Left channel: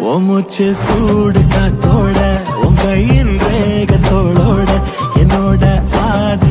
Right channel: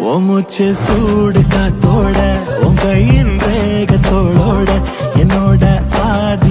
ஓ மூச்சு சூடு காத்தோட உன் கையின் ரேகத்தோளோட என்னோட ஆத